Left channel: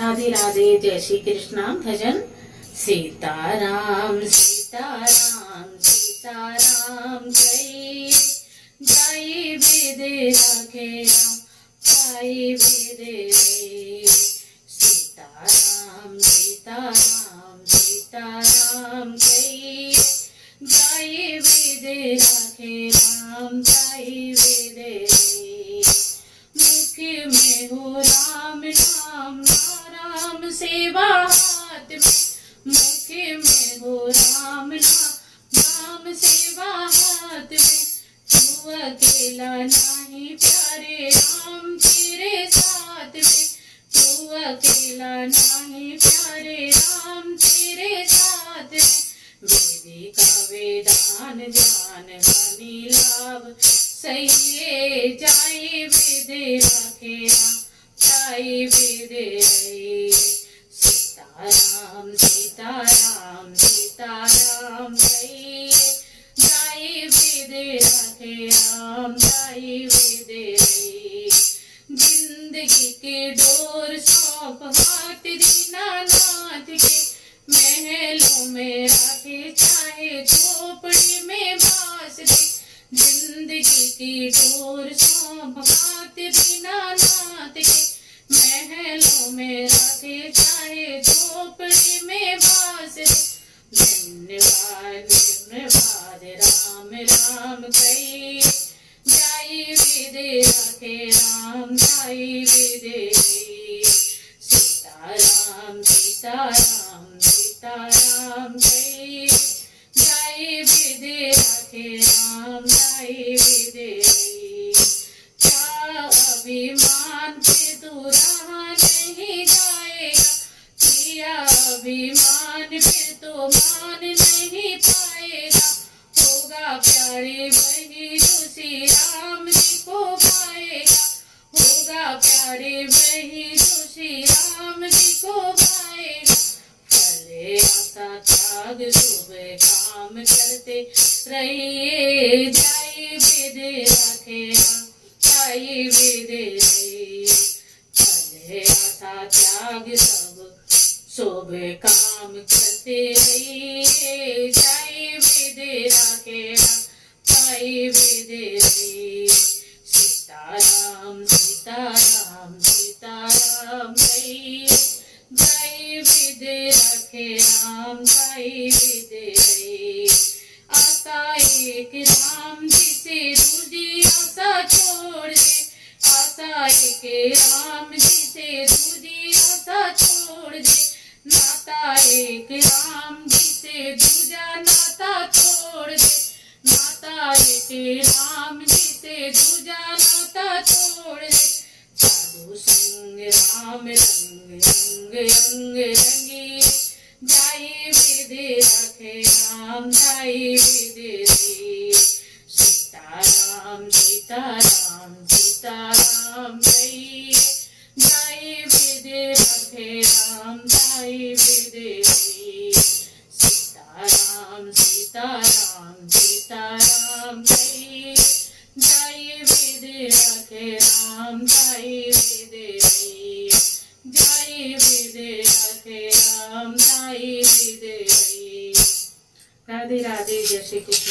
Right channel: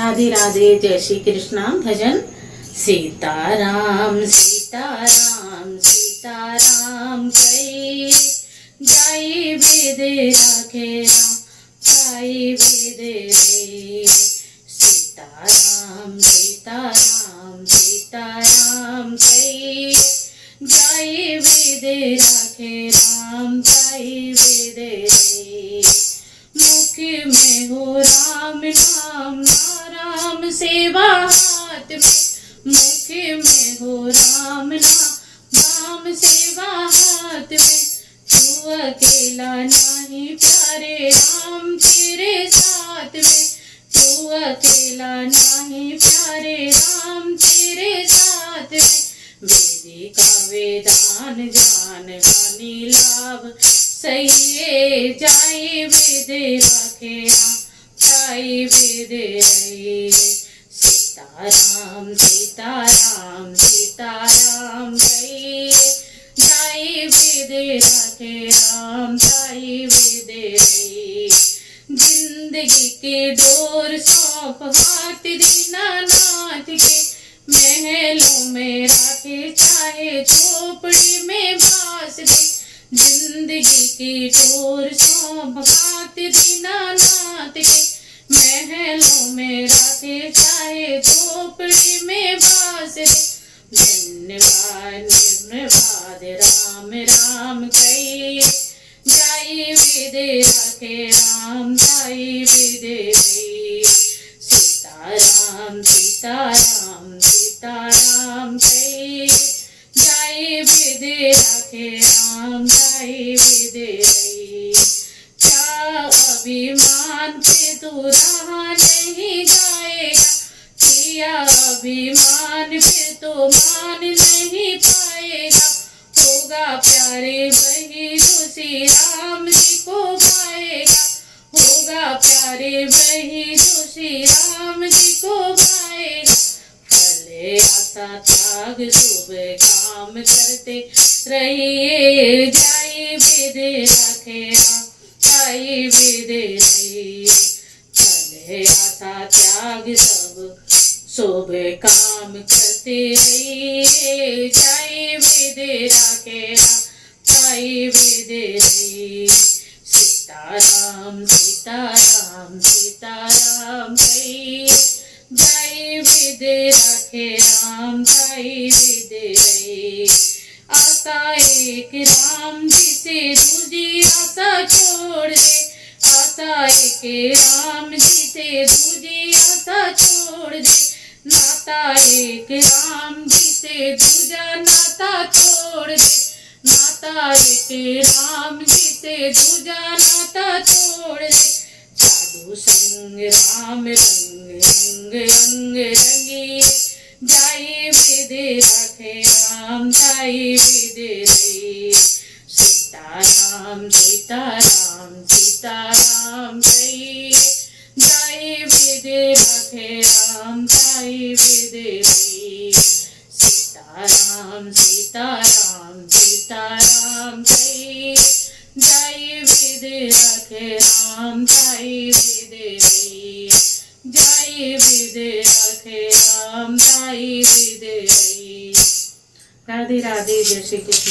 राधे राधे, जय श्री कृष्णा। भजन सीताराम सीताराम सीताराम जय जय वेद राखे राम जय वेद रे। सीताराम सीताराम सीताराम जय जय वेद राखे राम जय वेद रे। मुख में हो राम नाम राम सेवा हाथ में, मुख में हो राम नाम सेवा हाथ में। तू अकेला नहीं प्यारे राम तेरे साथ में, तू अकेला नहीं प्यारे राम तेरे साथ में। वेदी का वेदान जान हानि लाभ सही जाए वेद राखे राम जय वेद रे। सीताराम सीताराम सीताराम जय जय वेद राखे राम जय वेद रे। जिंदगी के डोर सौंप हाथ दीनानाथ के, महलों में राखे चाहे झोपड़ी में बास दे। जिंदगी की डोर सौंप हाथ दीनानाथ के, महलों में राखे चाहे झोपड़ी में बास दे। धन्यवाद धन्यवाद राम राम कही जय वेद राखे राम जय वेद रे। सीताराम सीताराम सीताराम जय जय वेद राखे राम जय वेद रे। क्या अभिमान पे तू रहा नहीं जाएगा, किया अभिमान पे तो मान नहीं पाएगा। होगा प्यारे वही जो श्री राम जी को पाएगा, होगा प्यारे वही जो श्री राम जी को पाएगा। फले आशा त्याग शुभ काम करते रहिए जय वेद राखे राम जय वेद रे। फले आशा त्याग सब शुभ काम करते रहिए जय वेद राखे राम जय वेद रे। सीताराम सीताराम सीताराम जय जय वेद राखे राम जय वेद रे। आशा एक राम जी से दूजी आशा छोड़ दे, आशा एक राम जी से दूजी आशा छोड़ दे। नाता एक राम जी से दूजा नाता छोड़ दे, नाता एक राम जी से दूजा नाता छोड़ दे। साधु संग राम रंग रंग रंग रंगी जय वेद राखे राम जय वेद रे। सीताराम सीताराम सीताराम जय जय वेद राखे राम जय वेद रे। सीताराम सीताराम सीताराम जय जय वेद राखे राम जय वेद रे। जय वेद राखे राम जय वेद रे। राधे राधे, जय श्री कृष्ण।